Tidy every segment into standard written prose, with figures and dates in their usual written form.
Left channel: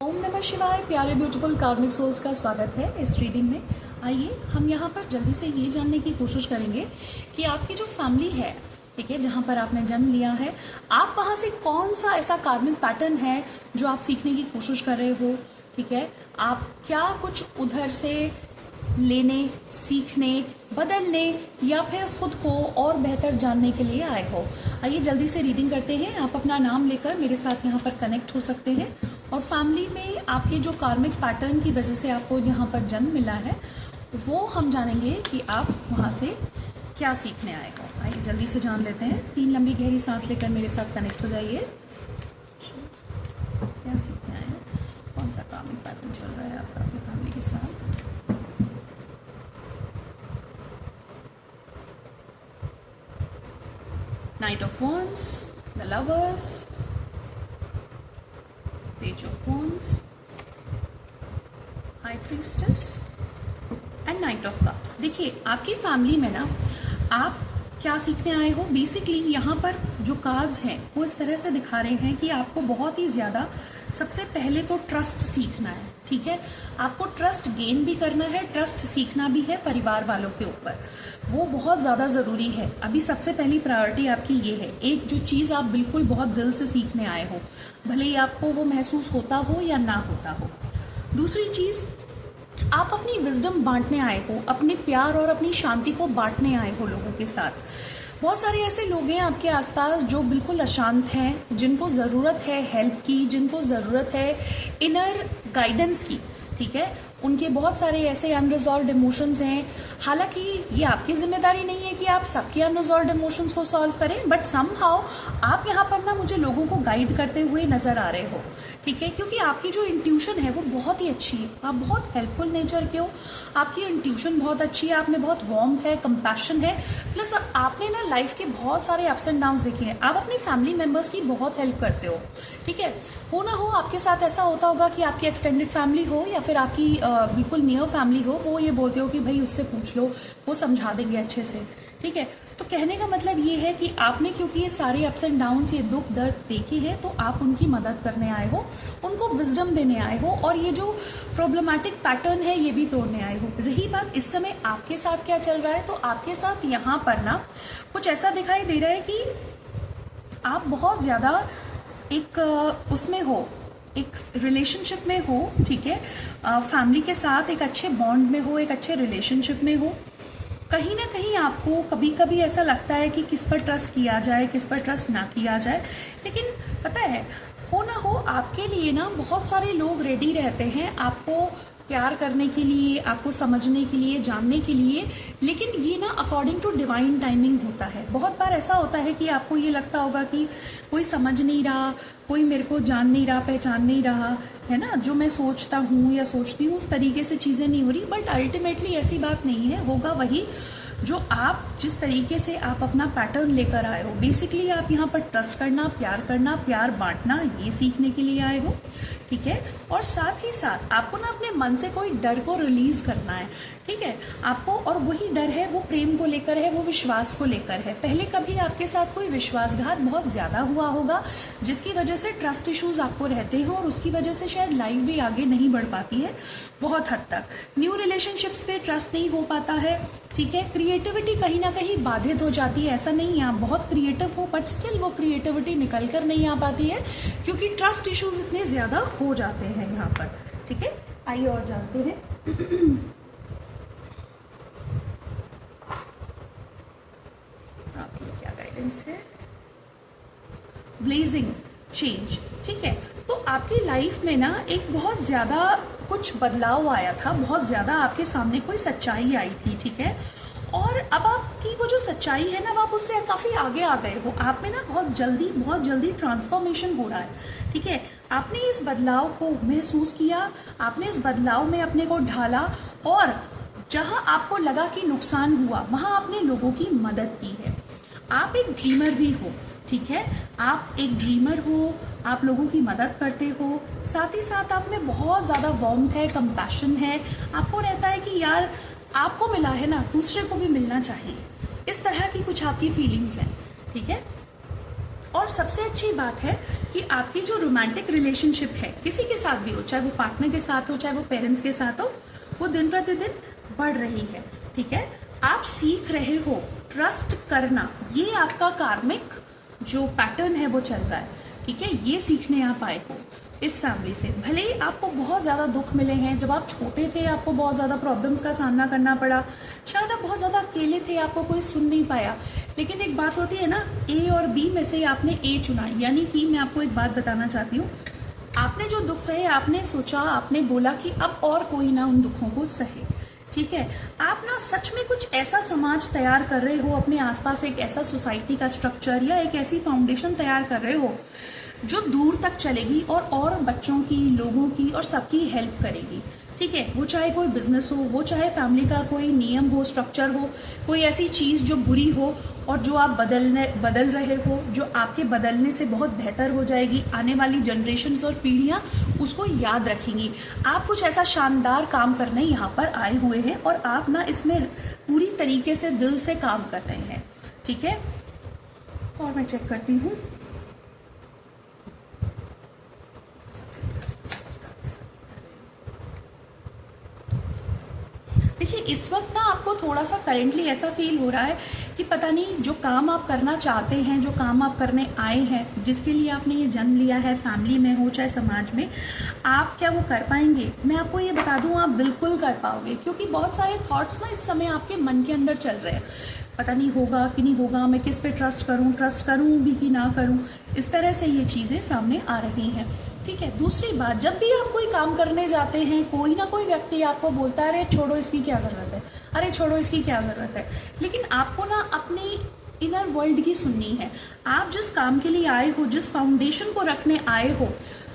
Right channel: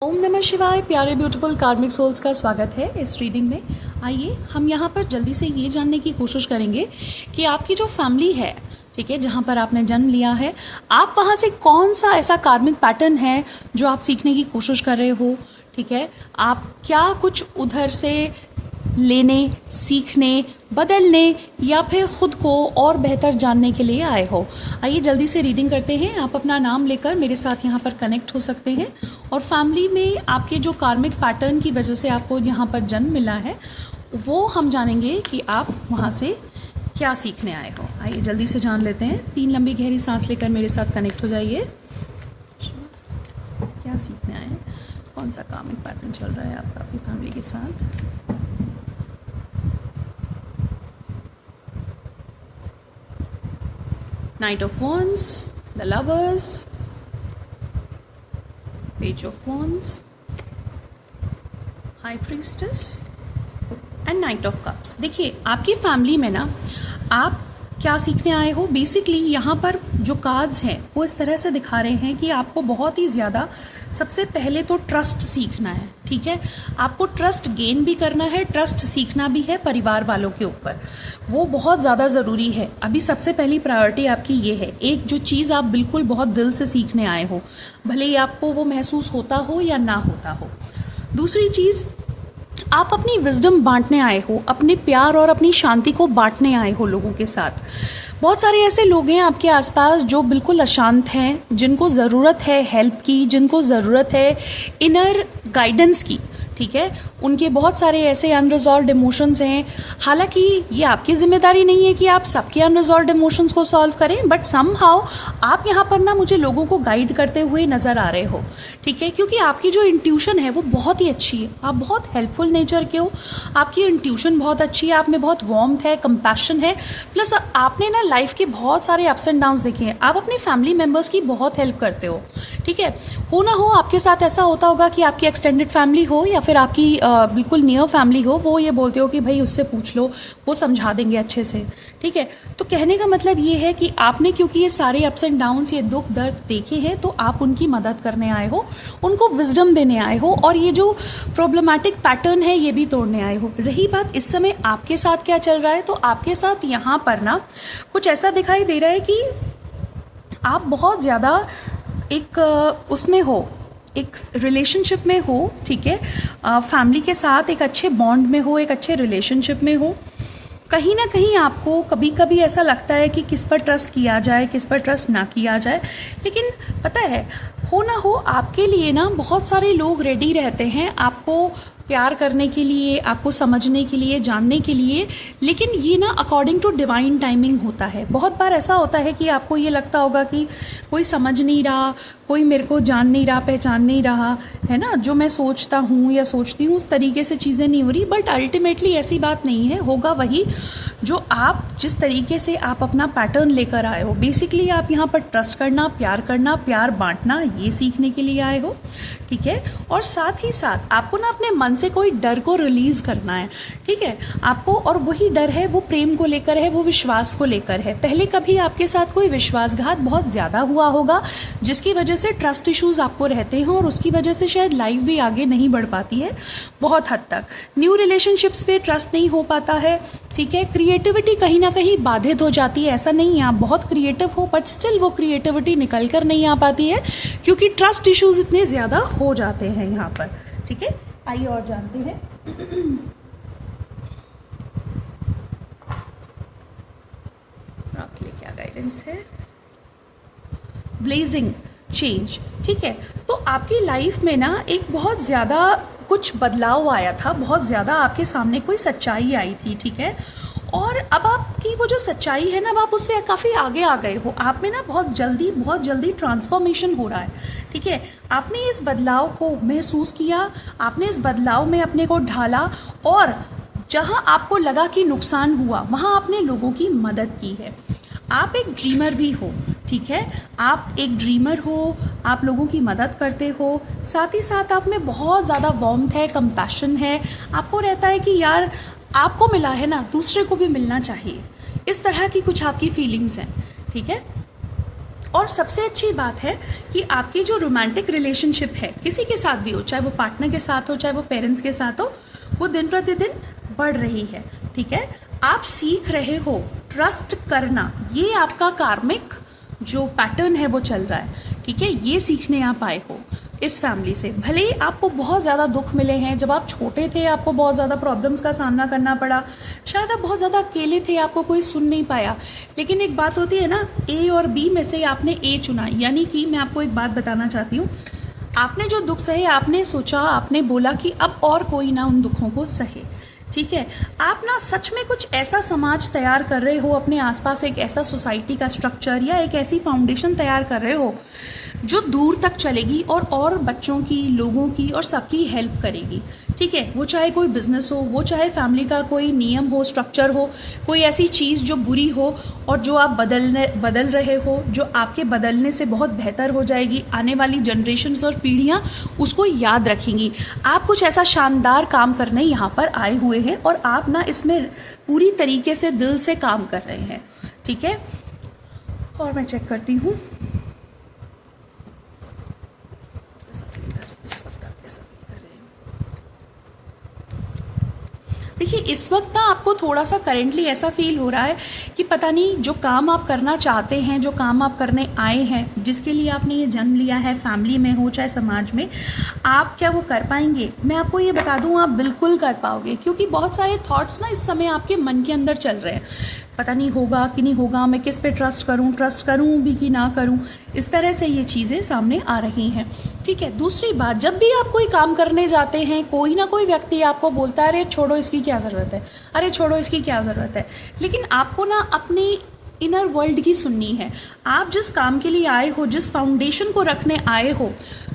ओम नमः शिवाय। प्यारे ब्यूटीफुल कार्मिक सोल्स का स्वागत है इस रीडिंग में। आइए हम यहाँ पर जल्दी से ये जानने की कोशिश करेंगे कि आपकी जो फैमिली है, ठीक है, जहाँ पर आपने जन्म लिया है, आप वहाँ से कौन सा ऐसा कार्मिक पैटर्न है जो आप सीखने की कोशिश कर रहे हो। ठीक है, आप क्या कुछ उधर से लेने, सीखने, बदलने या फिर खुद को और बेहतर जानने के लिए आए हो। आइए जल्दी से रीडिंग करते हैं। आप अपना नाम लेकर मेरे साथ यहाँ पर कनेक्ट हो सकते हैं और फैमिली में आपके जो कार्मिक पैटर्न की वजह से आपको यहाँ पर जन्म मिला है वो हम जानेंगे कि आप वहाँ से क्या सीखने आए हो। आइए जल्दी से जान लेते हैं। 3 लंबी गहरी सांस लेकर मेरे साथ कनेक्ट हो जाइए। क्या सीखने आए हैं, कौन सा कार्मिक पैटर्न चल रहा है आपका अपनी फैमिली के साथ। Knight of Wands, the Lovers, Page of Wands, High Priestess and night of cups. देखिए आपकी फैमिली में ना आप क्या सीखने आए हो। बेसिकली यहाँ पर जो कार्ड्स हैं वो इस तरह से दिखा रहे हैं कि आपको बहुत ही ज़्यादा सबसे पहले तो ट्रस्ट सीखना है। ठीक है, आपको ट्रस्ट गेन भी करना है, ट्रस्ट सीखना भी है परिवार वालों के ऊपर। वो बहुत ज़्यादा ज़रूरी है। अभी सबसे पहली प्रायोरिटी आपकी ये है। एक जो चीज़ आप बिल्कुल बहुत दिल से सीखने आए हो, भले ही आपको वो महसूस होता हो या ना होता हो। दूसरी चीज़, आप अपनी विजडम बांटने आए हो, अपने प्यार और अपनी शांति को बांटने आए हो लोगों के साथ। बहुत सारे ऐसे लोग हैं आपके आसपास जो बिल्कुल अशांत हैं, जिनको ज़रूरत है हेल्प की, जिनको ज़रूरत है इनर गाइडेंस की। ठीक है, उनके बहुत सारे ऐसे अनरिजॉल्व्ड इमोशंस हैं। हालांकि ये आपकी जिम्मेदारी नहीं है कि आप सबके अनरिजॉल्व्ड इमोशंस को सॉल्व करें, बट समहाउ आप यहाँ पर ना मुझे लोगों को गाइड करते हुए नज़र आ रहे हो। ठीक है, क्योंकि आपकी जो इंट्यूशन है वो बहुत ही अच्छी है। आप बहुत हेल्पफुल नेचर के हो, आपकी इंट्यूशन बहुत अच्छी है, आप में बहुत वार्मथ है, कंपैशन है, प्लस आपने ना लाइफ के बहुत सारे अप्स एंड डाउन्स देखे हैं। आप अपने फैमिली मेम्बर्स की बहुत हेल्प करते हो। ठीक है, हो ना हो आपके साथ ऐसा होता होगा कि आपकी एक्सटेंडेड फैमिली हो या फिर आपकी बिल्कुल नियर फैमिली हो, वो ये बोलते हो कि भाई उससे पूछ लो, वो समझा देंगे अच्छे से। ठीक है, तो कहने का मतलब ये है कि आपने क्योंकि ये सारे अप्स एंड डाउन्स, ये दुख दर्द देखे हैं, तो आप उनकी मदद करने आए हो, उनको विजडम देने आए हो और ये जो प्रॉब्लमैटिक पैटर्न है ये भी तोड़ने आए हो। रही बात इस समय आपके साथ क्या चल रहा है, तो आपके साथ यहाँ पर ना कुछ ऐसा दिखाई दे रहा है कि आप बहुत ज़्यादा एक उसमें हो, एक रिलेशनशिप में हो। ठीक है, फैमिली के साथ एक अच्छे बॉन्ड में हो, एक अच्छे रिलेशनशिप में हो। कहीं ना कहीं आपको कभी कभी ऐसा लगता है कि किस पर ट्रस्ट किया जाए, किस पर ट्रस्ट ना किया जाए। लेकिन पता है, हो ना हो आपके लिए ना बहुत सारे लोग रेडी रहते हैं आपको प्यार करने के लिए, आपको समझने के लिए, जानने के लिए। लेकिन ये ना अकॉर्डिंग टू डिवाइन टाइमिंग होता है। बहुत बार ऐसा होता है कि आपको ये लगता होगा कि कोई समझ नहीं रहा, कोई मेरे को जान नहीं रहा, पहचान नहीं रहा है ना, जो मैं सोचता हूँ या सोचती हूँ उस तरीके से चीज़ें नहीं हो रही। बट अल्टीमेटली ऐसी बात नहीं है, होगा वही जो आप जिस तरीके से आप अपना पैटर्न लेकर आए हो। बेसिकली आप यहाँ पर ट्रस्ट करना, प्यार बांटना, ये सीखने के लिए आए हो। ठीक है, और साथ ही साथ आपको ना अपने मन से कोई डर को रिलीज करना है। ठीक है, आपको, और वही डर है वो प्रेम को लेकर है, वो विश्वास को लेकर है। पहले कभी आपके साथ कोई विश्वासघात बहुत ज़्यादा हुआ होगा जिसकी वजह से ट्रस्ट इश्यूज आपको रहते हैं और उसकी वजह से शायद लाइफ भी आगे नहीं बढ़ पाती है बहुत हद तक। न्यू रिलेशनशिप्स पे ट्रस्ट नहीं हो पाता है। ठीक है, क्रिएटिविटी कहीं ना कहीं बाधित हो जाती है। ऐसा नहीं है आप बहुत क्रिएटिव हो, बट स्टिल वो क्रिएटिविटी निकल कर नहीं आ पाती है क्योंकि ट्रस्ट इश्यूज इतने ज़्यादा हो जाते हैं यहाँ पर। ठीक है, आइए और जानते हैं। आपके लिए क्या गाइडेंस है। Blazing change. ठीक है, तो आपकी लाइफ में ना एक बहुत ज़्यादा कुछ बदलाव आया था, बहुत ज़्यादा आपके सामने कोई सच्चाई आई थी। ठीक है, और अब आपकी वो जो सच्चाई है ना, आप उससे काफ़ी आगे आ गए हो। आप में ना बहुत जल्दी ट्रांसफॉर्मेशन हो रहा है। ठीक है, आपने इस बदलाव को महसूस किया, आपने इस बदलाव में अपने को ढाला और जहाँ आपको लगा कि नुकसान हुआ वहाँ आपने लोगों की मदद की है। आप एक ड्रीमर भी हो। ठीक है, आप एक ड्रीमर हो, आप लोगों की मदद करते हो, साथ ही साथ आप में बहुत ज़्यादा वार्मथ है, कंपैशन है। आपको रहता है कि यार आपको मिला है ना, दूसरे को भी मिलना चाहिए। इस तरह की कुछ आपकी फीलिंग्स हैं। ठीक है, और सबसे अच्छी बात है कि आपकी जो रोमांटिक रिलेशनशिप है किसी के साथ भी हो, चाहे वो पार्टनर के साथ हो, चाहे वो पेरेंट्स के साथ हो, वो दिन प्रतिदिन बढ़ रही है। ठीक है, आप सीख रहे हो ट्रस्ट करना, ये आपका कार्मिक जो पैटर्न है वो चल रहा है। ठीक है, ये सीखने आप आए हो इस फैमिली से। भले ही आपको बहुत ज़्यादा दुख मिले हैं, जब आप छोटे थे आपको बहुत ज़्यादा प्रॉब्लम्स का सामना करना पड़ा, शायद आप बहुत ज़्यादा अकेले थे, आपको कोई सुन नहीं पाया, लेकिन एक बात होती है ना, ए और बी में से आपने ए चुना। यानी कि मैं आपको एक बात बताना चाहती हूँ, आपने जो दुख सहे, आपने सोचा, आपने बोला कि अब और कोई ना उन दुखों को सहे। ठीक है, आप ना सच में कुछ ऐसा समाज तैयार कर रहे हो अपने आसपास, एक ऐसा सोसाइटी का स्ट्रक्चर या एक ऐसी फाउंडेशन तैयार कर रहे हो जो दूर तक चलेगी और बच्चों की, लोगों की और सबकी हेल्प करेगी। ठीक है, वो चाहे कोई बिजनेस हो, वो चाहे फैमिली का कोई नियम हो, स्ट्रक्चर हो, कोई ऐसी चीज़ जो बुरी हो और जो आप बदल रहे हो, जो आपके बदलने से बहुत बेहतर हो जाएगी, आने वाली जनरेशन्स और पीढ़ियाँ उसको याद रखेंगी। आप कुछ ऐसा शानदार काम करने यहाँ पर आए हुए हैं और आप ना इसमें पूरी तरीके से दिल से काम कर रहे हैं। ठीक है, और मैं चेक करती हूँ देखिए, इस वक्त ना आपको थोड़ा सा करेंटली ऐसा फील हो रहा है कि पता नहीं जो काम आप करना चाहते हैं, जो काम आप करने आए हैं, जिसके लिए आपने ये जन्म लिया है, फैमिली में हो चाहे समाज में, आप क्या वो कर पाएंगे। मैं आपको ये बता दूं, आप बिल्कुल कर पाओगे, क्योंकि बहुत सारे थॉट्स ना इस समय आपके मन के अंदर चल रहे हैं। पता नहीं होगा कि नहीं होगा, मैं किस पे ट्रस्ट करूं भी कि ना करूं, इस तरह से ये चीज़ें सामने आ रही हैं। ठीक है, दूसरी बात, जब भी आप कोई काम करने जाते हैं, कोई ना कोई व्यक्ति आपको बोलता है अरे छोड़ो इसकी क्या ज़रूरत है, अरे छोड़ो इसकी क्या ज़रूरत है, लेकिन आपको ना अपनी इनर वर्ल्ड की सुननी है। आप जिस काम के लिए आए हो, जिस फाउंडेशन को रखने आए हो,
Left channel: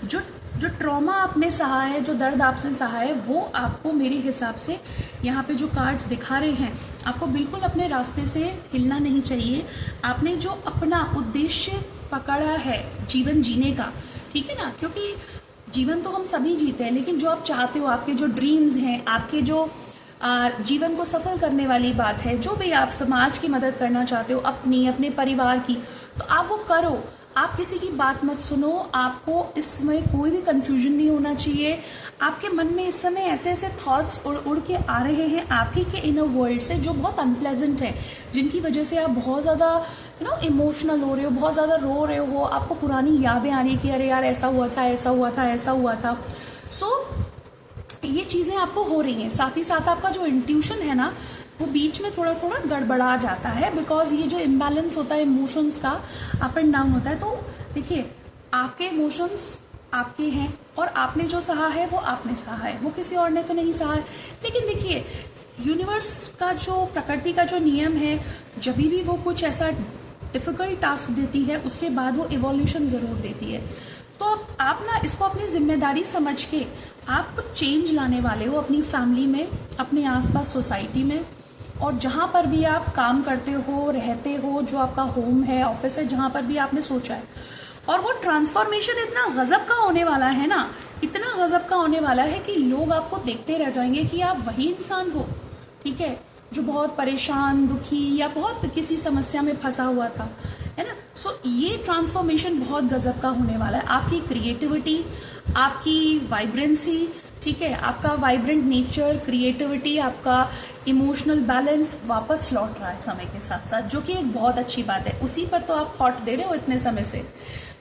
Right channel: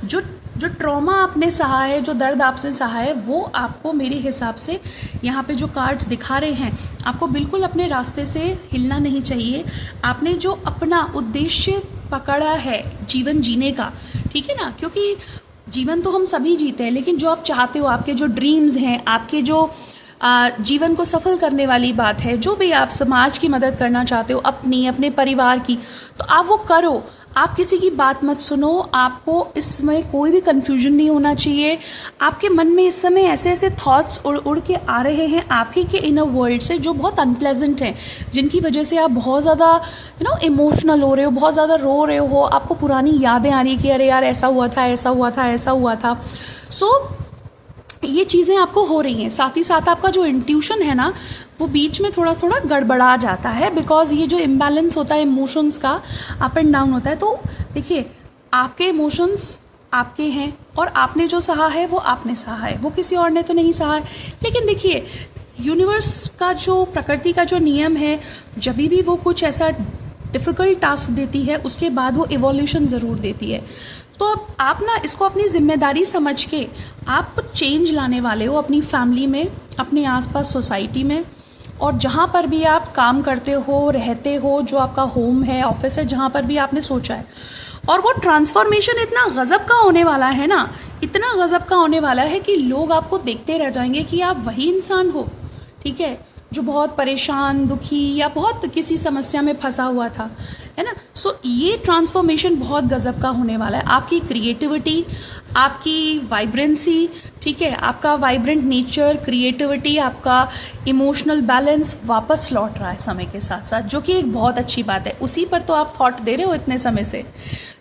जो ट्रॉमा आपने सहा है, जो दर्द आपसे सहा है, वो आपको मेरे हिसाब से यहाँ पे जो कार्ड्स दिखा रहे हैं, आपको बिल्कुल अपने रास्ते से हिलना नहीं चाहिए। आपने जो अपना उद्देश्य पकड़ा है जीवन जीने का, ठीक है ना, क्योंकि जीवन तो हम सभी जीते हैं, लेकिन जो आप चाहते हो, आपके जो ड्रीम्स हैं, आपके जो जीवन को सफल करने वाली बात है, जो भी आप समाज की मदद करना चाहते हो, अपने परिवार की, तो आप वो करो। आप किसी की बात मत सुनो, आपको इस समय कोई भी कंफ्यूजन नहीं होना चाहिए। आपके मन में इस समय ऐसे ऐसे थॉट्स उड़ के आ रहे हैं आप ही के इनर वर्ल्ड से, जो बहुत अनप्लेजेंट हैं, जिनकी वजह से आप बहुत ज़्यादा इमोशनल हो रहे हो, बहुत ज़्यादा रो रहे हो, आपको पुरानी यादें आ रही कि अरे यार ऐसा हुआ था, ऐसा हुआ था, ऐसा हुआ था। ये चीज़ें आपको हो रही हैं। साथ ही साथ आपका जो इंट्यूशन है ना, वो बीच में थोड़ा थोड़ा गड़बड़ा जाता है, बिकॉज ये जो इम्बैलेंस होता है इमोशंस का, अप एंड डाउन होता है। तो देखिए, आपके इमोशंस आपके हैं और आपने जो सहा है वो आपने सहा है, वो किसी और ने तो नहीं सहा है। लेकिन देखिए, यूनिवर्स का जो, प्रकृति का जो नियम है, जब भी वो कुछ ऐसा डिफ़िकल्ट टास्क देती है, उसके बाद वो इवोल्यूशन ज़रूर देती है। तो आप ना इसको अपनी जिम्मेदारी समझ के आप कुछ चेंज लाने वाले हो अपनी फैमिली में, अपने आसपास सोसाइटी में, और जहाँ पर भी आप काम करते हो, रहते हो, जो आपका होम है, ऑफिस है, जहाँ पर भी आपने सोचा है। और वो ट्रांसफॉर्मेशन इतना गज़ब का होने वाला है ना, इतना गज़ब का होने वाला है कि लोग आपको देखते रह जाएंगे कि आप वही इंसान हो, ठीक है, जो बहुत परेशान, दुखी या बहुत किसी समस्या में फंसा हुआ था, है ना। सो ये ट्रांसफॉर्मेशन बहुत गजब का होने वाला है। आपकी क्रिएटिविटी, आपकी वाइब्रेंसी, ठीक है, आपका वाइब्रेंट नेचर, क्रिएटिविटी, आपका इमोशनल बैलेंस वापस लौट रहा है समय के साथ साथ, जो कि एक बहुत अच्छी बात है। उसी पर तो आप थॉट दे रहे हो इतने समय से,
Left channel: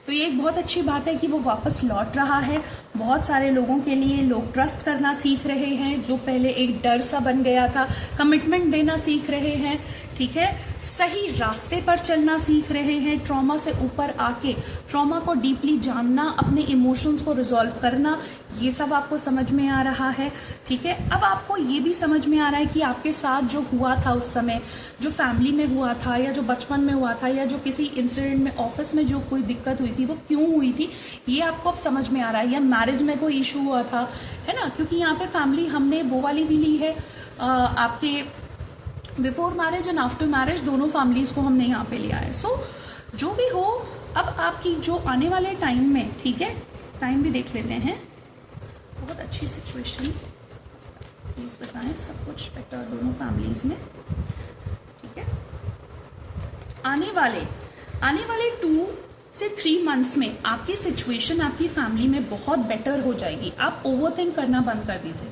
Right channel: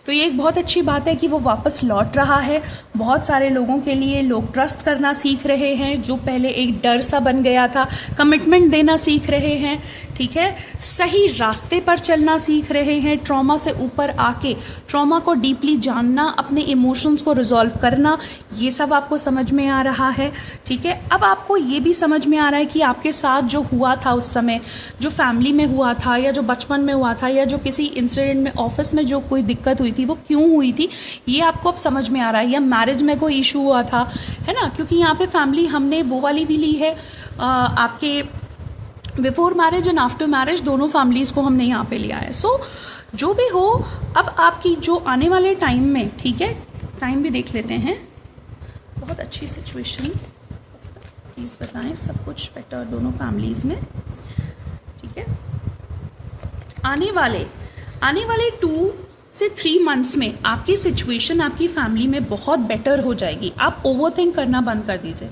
तो ये एक बहुत अच्छी बात है कि वो वापस लौट रहा है। बहुत सारे लोगों के लिए लोग ट्रस्ट करना सीख रहे हैं, जो पहले एक डर सा बन गया था, कमिटमेंट देना सीख रहे हैं, ठीक है, सही रास्ते पर चलना सीख रहे हैं, ट्रॉमा से ऊपर आके ट्रॉमा को डीपली जानना, अपने इमोशंस को रिजॉल्व करना, ये सब आपको समझ में आ रहा है, ठीक है। अब आपको ये भी समझ में आ रहा है कि आपके साथ जो हुआ था उस समय, जो फैमिली में हुआ था, या जो बचपन में हुआ था, या जो किसी इंसिडेंट में, ऑफिस में जो कोई दिक्कत हुई थी, वो क्यों हुई थी, ये आपको अब समझ में आ रहा है। या मैरिज में कोई इशू हुआ था, है ना, क्योंकि यहाँ पे फैमिली हमने वो वाली भी ली है, आपके before marriage and after marriage दोनों फैमिलीज़ को हमने यहाँ पे लिया है। सो जो भी हो, अब आपकी जो आने वाले टाइम में, ठीक है, टाइम भी देख लेते हैं, बहुत अच्छी सिचुएशन, प्लीज़ बताएं, सब कुछ बेटर दोनों फैमिलीज़ में, ठीक है। आने वाले 2 से 3 मंथ्स में आपकी सिचुएशन आपकी फैमिली में बहुत बेटर हो जाएगी। आप ओवरथिंक करना बंद कर दीजिए,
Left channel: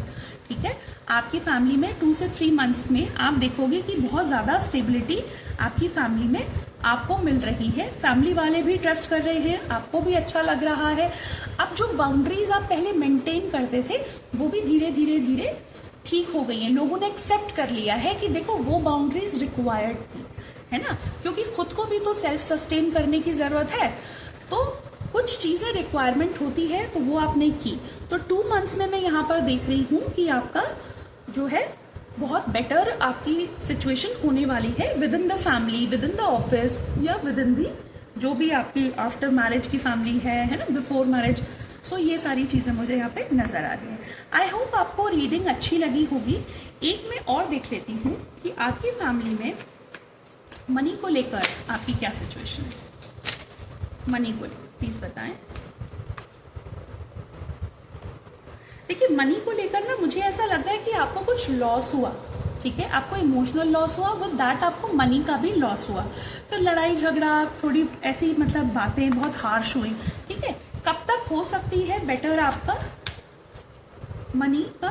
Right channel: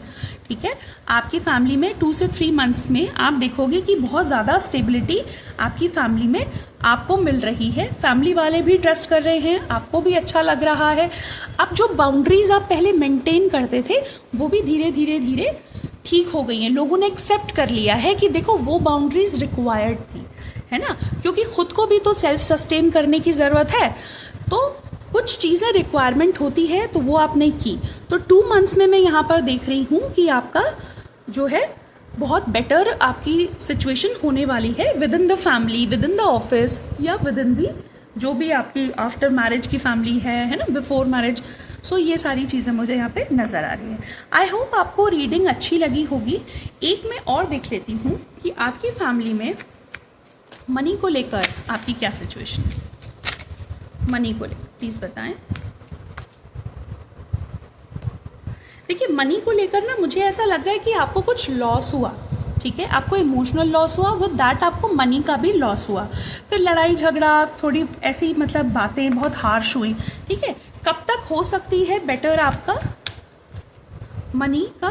ठीक है। आपकी फैमिली में 2 से 3 मंथ्स में आप देखोगे कि बहुत ज़्यादा स्टेबिलिटी आपकी फैमिली में आपको मिल रही है। फैमिली वाले भी ट्रस्ट कर रहे हैं, आपको भी अच्छा लग रहा है। अब जो बाउंड्रीज आप पहले मेंटेन करते थे वो भी धीरे धीरे धीरे ठीक हो गई हैं। लोगों ने एक्सेप्ट कर लिया है कि देखो वो बाउंड्रीज रिक्वायर्ड थी, है ना, क्योंकि खुद को भी तो सेल्फ सस्टेन करने की ज़रूरत है। तो कुछ चीज़ें रिक्वायरमेंट होती है तो वो आपने की। तो 2 मंथ्स में मैं यहाँ पर देख रही हूँ कि आपका जो है बहुत बेटर आपकी सिचुएशन होने वाली है with in the family, with in the office, या विद इन दी जो भी आपकी आफ्टर मैरिज की फैमिली है ना, बिफोर मैरिज। सो ये सारी चीज़ें मुझे यहाँ पे नज़र आ रही हैं। आई होप आपको रीडिंग अच्छी लगी होगी। एक मैं और देख लेती हूँ कि आपकी फैमिली में मनी को लेकर आपकी क्या सिचुएशन है। मनी को लेकर प्लीज़ बताएं। देखिए, मनी को लेकर ना मुझे ऐसा लग रहा है कि आपको कुछ लॉस हुआ, ठीक है, आपको इमोशनल लॉस हुआ, विद दैट आपको मनी का भी लॉस हुआ। फिर लड़ाई झगड़ा, थोड़ी ऐसी मतलब बातें बहुत हार्श हुई, ठीक है। कब तक हो सकती है बेटर आपका मनी का?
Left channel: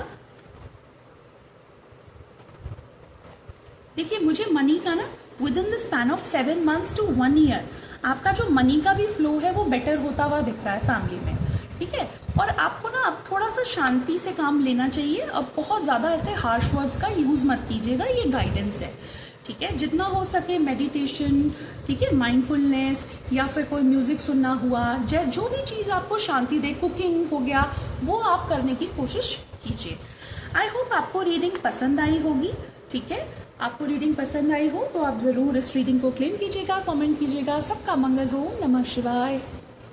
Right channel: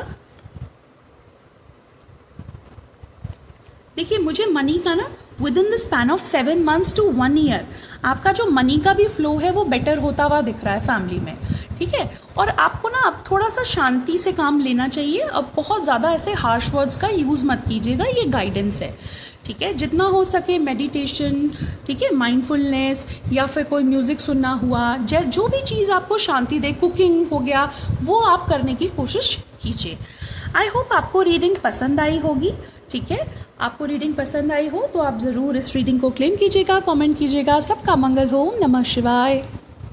देखिए, मुझे मनी का ना within the span of 7 months to 1 year आपका जो मनी का भी फ्लो है वो बेटर होता हुआ दिख रहा है फैमिली में, ठीक है। और आपको ना अब थोड़ा सा शांति से काम लेना चाहिए। अब बहुत ज़्यादा ऐसे हार्श वर्ड्स का यूज़ मत कीजिएगा, ये गाइडेंस है, ठीक है। जितना हो सके मेडिटेशन, ठीक है, माइंडफुलनेस, या फिर कोई म्यूज़िक सुनना हुआ, जो भी चीज़ आपको शांति दे, कुकिंग हो गया, वो आप करने की कोशिश कीजिए। आई होप आपको रीडिंग पसंद आई होगी, ठीक है। आपको रीडिंग पसंद आई हो तो आप ज़रूर इस रीडिंग को क्लेम कीजिएगा, कमेंट कीजिएगा। सबका मंगल हो। नमः शिवाय।